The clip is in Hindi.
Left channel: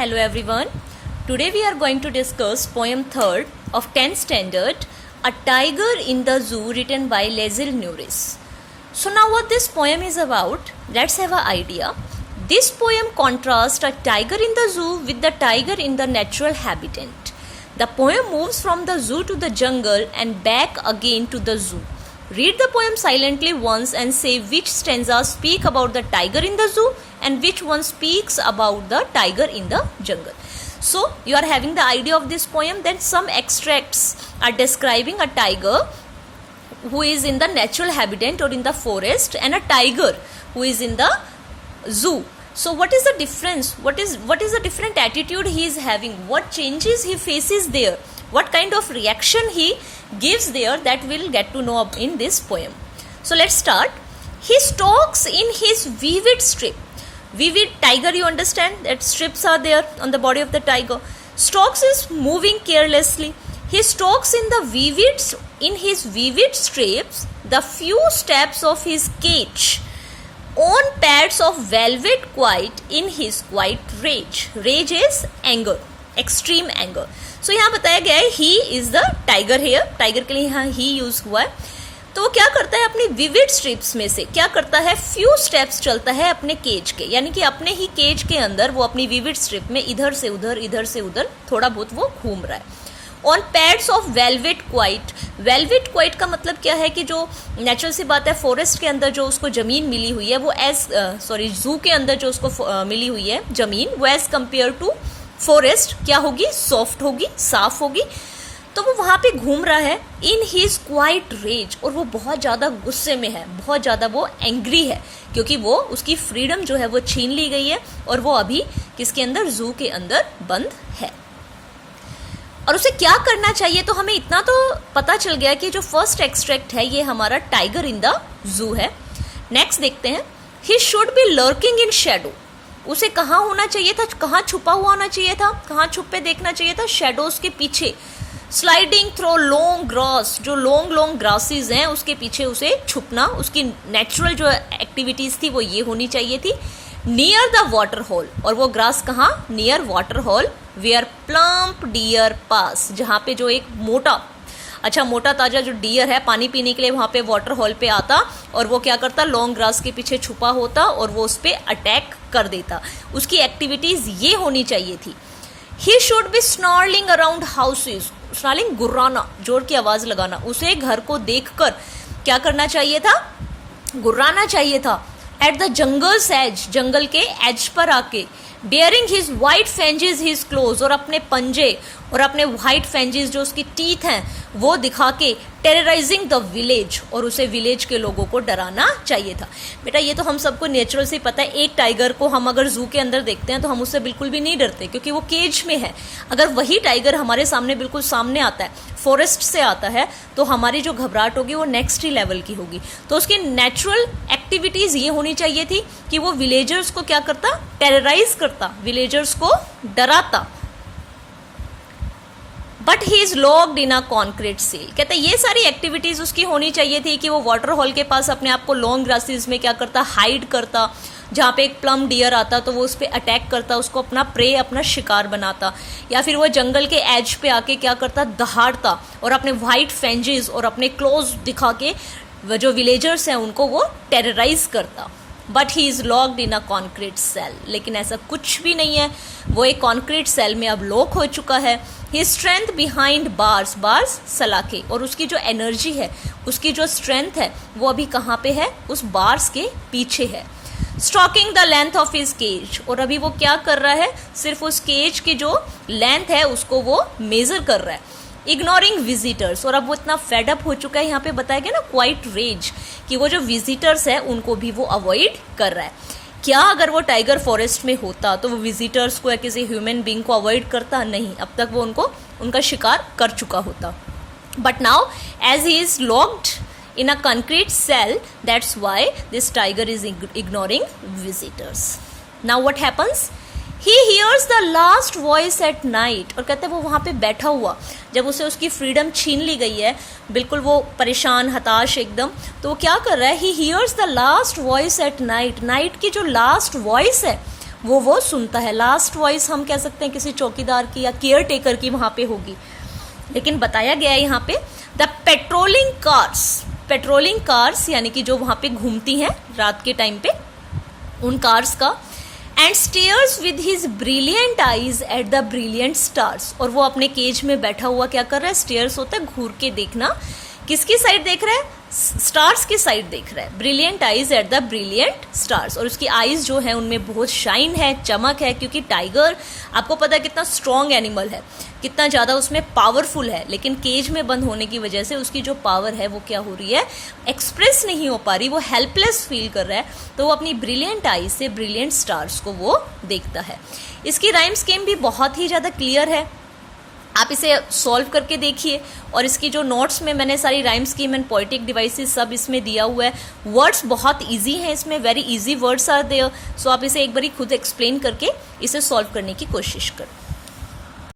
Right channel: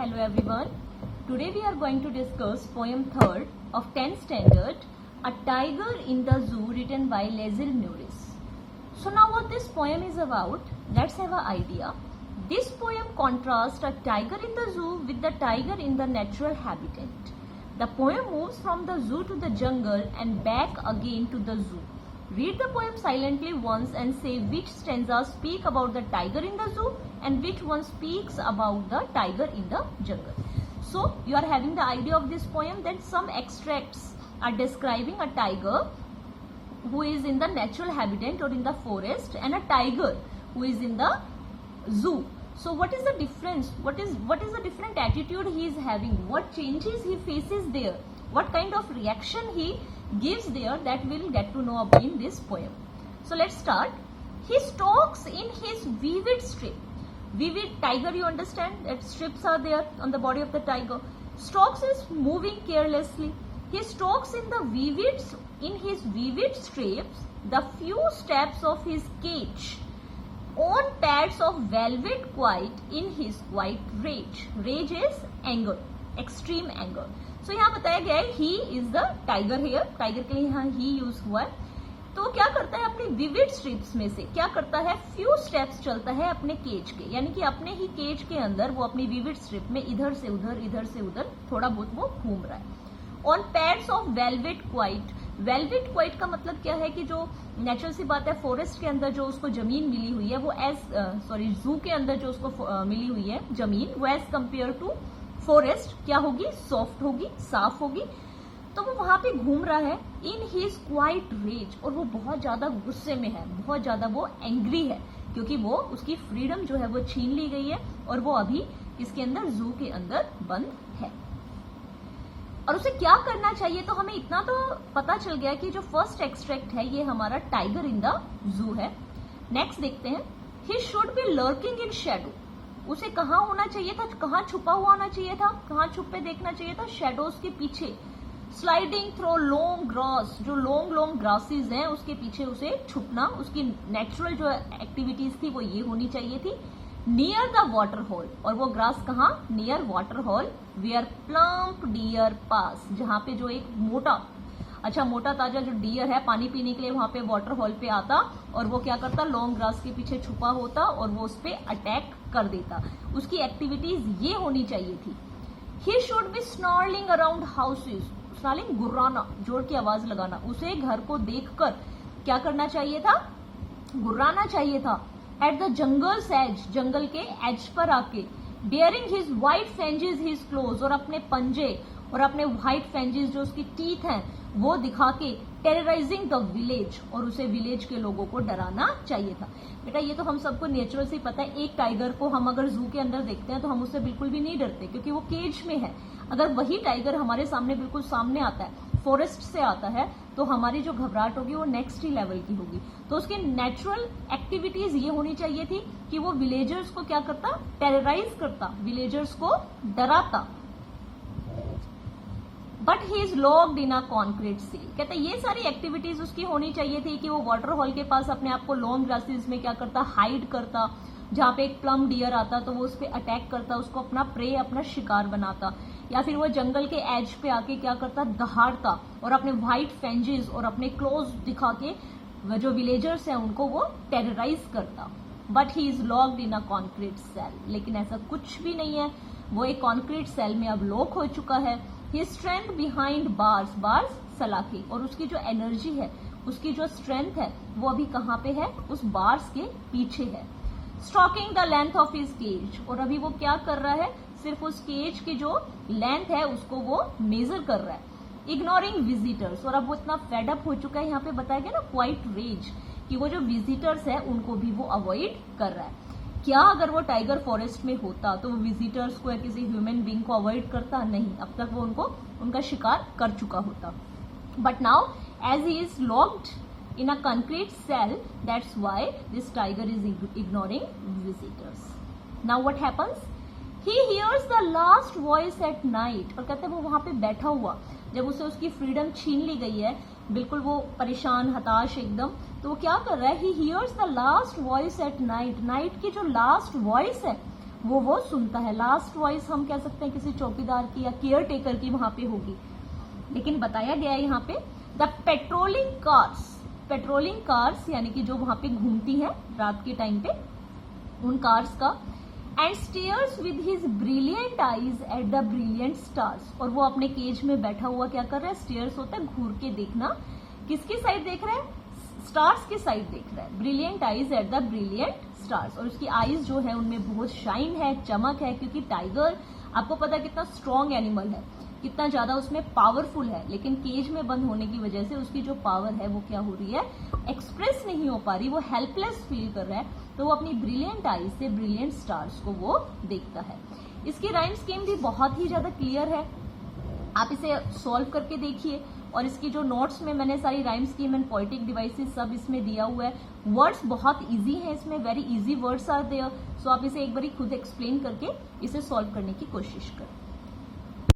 Hello everyone. Today we are going to discuss poem 3rd of 10th standard, A Tiger in the Zoo, written by Leslie Norris. So now what this poem is about, let's have an idea. This poem contrasts a tiger in the zoo with the tiger in the natural habitat. The poem moves from the zoo to the jungle and back again to the zoo. Read the poem silently once and say which stanzas speak about the tiger in the zoo and which one speaks about the tiger in the jungle. So you are having the idea of this poem. Then some extracts are describing a tiger who is in the natural habitat or in the forest and a tiger who is in the zoo. So what is the difference? What is the different attitude he is having? What changes he faces there? What kind of reaction he gives there, that we'll get to know in this poem. So let's start. He stalks in his vivid strip. Vivid tiger, you understand that strips are there on the body of the tiger. Stalks is moving carelessly. He stalks in his vivid strips the few steps of his cage on pads of velvet quiet in his quiet rage. Rage is anger, extreme anger. So यहाँ बताया गया है he is the tiger here, tiger के लिए यहाँ ही यूज हुआ है. तो वो क्या करता है, अपनी विविड स्ट्रिप्स में से क्या करता है, फ्यू स्टेप्स चलता है अपने केज के, यानी कि अपने ही केज के अंदर वो अपनी विविड स्ट्रिप में इधर से उधर थोड़ा बहुत वो घूम रहा है. On pads of velvet quite. Velvet quite का मतलब क्या है कि जो नेचुरल सी बात है, फॉरेस्ट के अंदर जो उसको जमीन मिली हुई है वो जू के अंदर जो उसको मिली हुई है जमीन, वो एज कंपेयर टू फॉरेस्ट क्या होगी, सॉफ्ट होगी, साफ होगी. तो वो वहां पे घूम रहा है इन हिज क्वाइट रेज, और वो बहुत ज़्यादा गुस्से में है, बहुत ज़्यादा वो एंग्री है, क्योंकि वो उसकी फ्रीडम जो है वो छीन ली गई है और वो अभी किसके अंदर, जू के अंदर बंद है. और उसे क्या करना चाहिए, तो हमें इतना तो पता चल गया कि जो फर्स्ट एक्सट्रैक्ट है ये हमारा टाइगर इन द जू है. नेक्स्ट देखते हैं. ही should B lurking in shadow. उसे कहाँ होना चाहिए था, कहाँ छुपा हुआ होना चाहिए था, कहाँ छुपे देखना चाहिए था, शेडोज के पीछे. स्लाइडिंग थ्रो लॉन्ग ग्रास, जो लॉन्ग ग्रासेस हैं उसके पीछे उसे छुपना, उसकी नेचुरल जो एक्टिविटीज थी वो ये होनी चाहिए थी. नियर द वाटर होल, और वो ग्रास कहाँ, near water hole where plump deer pass, जहाँ पे जो एक मोटा ताजा जो डियर है पानी पीने के लिए वहाँ पे वाटर होल पे आता, और वो क्या करता, लॉन्ग ग्रास के पीछे छुपा होता और वो उस पर अटैक कर देता. उसकी एक्टिविटीज ये होनी चाहिए थी. He should be snarling around houses. Snarling गुर्राना, जोर की आवाज लगाना. उसे घर को देखकर क्या करना चाहिए था, गुर्राना चाहिए था. एट द जंगल्स एज, जंगल के एज पर आके. Baring his white fangs his claws, और अपने पंजे और अपने वाइट फेंजेस जो उसकी टीथ हैं वो दिखा के टेरराइजिंग द विलेज, और उसे विलेज के लोगों को डराना चाहिए था. बेटा ये तो हम सबको नेचुरल से पता है. एक टाइगर को हम अगर जू के अंदर देखते हैं तो हम उससे बिल्कुल भी नहीं डरते, क्योंकि वो केज में है. अगर वही टाइगर हमारे सामने बिल्कुल सामने आता है, फॉरेस्ट से आता है, तो हमारी जो घबराहट होगी वो नेक्स्ट ही लेवल की होगी. तो उसकी नेचुरल एक्टिविटीज ये होनी चाहिए थी कि वो विलेजर्स को क्या करता, टेरराइज करता, विलेजर्स को डराता. But he is locked in a concrete cell. कहते हैं ये सारी एक्टिविटीज उसकी होनी चाहिए थी कि वो वाटर होल के पास अपने आप को लॉन्ग ग्रासेस में क्या करता, हाइड करता. जहाँ पे एक प्लम डियर आता तो वो उस पर अटैक करता, उसको अपना प्रे, अपना शिकार बनाता. या फिर वो जंगल के एज पे आके क्या करता, दहाड़ता, और अपने वाइट फेंजेस और अपने क्लोज दिखा के वो जो विलेजर्स हैं उनको वो टेरराइज करता. But he is locked in a concrete cell. लेकिन ऐसा कुछ भी नहीं है, वो एक कॉन्क्रीट सेल में अब लॉक हो चुका है. ही स्ट्रेंथ बिहाइंड बार्स, बार्स सलाखे, और उसकी जो एनर्जी है, उसकी जो स्ट्रेंथ है वो अभी कहाँ पे है, उस बार्स के पीछे है. Stalking the length of his cage, और अभी वो क्या कर रहा है, सिर्फ उस केज की जो लेंथ है उसको वो मेजर कर रहा है. इग्नोरिंग विजिटर्स, और अब वो इतना फेडअप हो चुका है, यहाँ पे बताया गया ना क्वाइट रेज, कि वो जो विजिटर्स है उनको भी वो अवॉइड कर रहा है. क्या अगर वो टाइगर फॉरेस्ट में होता तो वो विजिटर्स को या किसी ह्यूमन बींग को अवॉइड करता, नहीं, अब तक वो उनका शिकार कर चुका होता. But now as he is locked in a concrete cell, that's why this tiger is ignoring visitors. Now what happens, he hears the last voice at night. और कहते हैं वो वहाँ पे बैठा हुआ, जब उसे उसकी फ्रीडम छीन ली गई है, बिल्कुल वो परेशान, हताश एकदम, तो वो क्या कर रहा है, ही hears the last voice at night. Night की जो लास्ट वॉइस है वो सुनता है। लास्ट वॉइस हम कह सकते हैं किसी चौकीदार की या केयर टेकर की वहाँ पे होगी। लेकिन बताया गया है यहाँ पे द पेट्रोलिंग कार्स यानी कि जो वहाँ पे घूमती हैं रात के टाइम पे, उन कार्स का, and stairs with his brilliant eyes at the brilliant stars, और वो अपने केज में बैठा हुआ क्या कर रहा है, स्टेयर्स होता है घूर के देखना, किसकी साइड देख रहा है, स्टार्स की साइड देख रहा है, brilliant eyes at the brilliant stars, और उसकी आईज जो है उनमें बहुत शाइन है, चमक है, क्योंकि टाइगर आपको पता है कितना स्ट्रॉन्ग एनिमल है, कितना ज़्यादा उसमें पावरफुल है, लेकिन केज में बंद होने की वजह से उसकी जो पावर है वो क्या हो रही है, एक्सप्रेस नहीं हो पा रही, वो हेल्पलेस फील कर रहा है, तो वो अपनी ब्रिलियंट आईज से ब्रिलियंट स्टार्स को वो देखता है। इसकी राइम स्कीम भी बहुत ही ज़्यादा क्लियर है, आप इसे सॉल्व करके देखिए, और इसकी जो नोट्स में मैंने सारी rhyme scheme and poetic devices सब इसमें दिया हुआ है। वर्ड्स बहुत इजी हैं इसमें, very easy words are there, so आप इसे एक बारी खुद एक्सप्लेन करके इसे सॉल्व करने की कोशिश करें।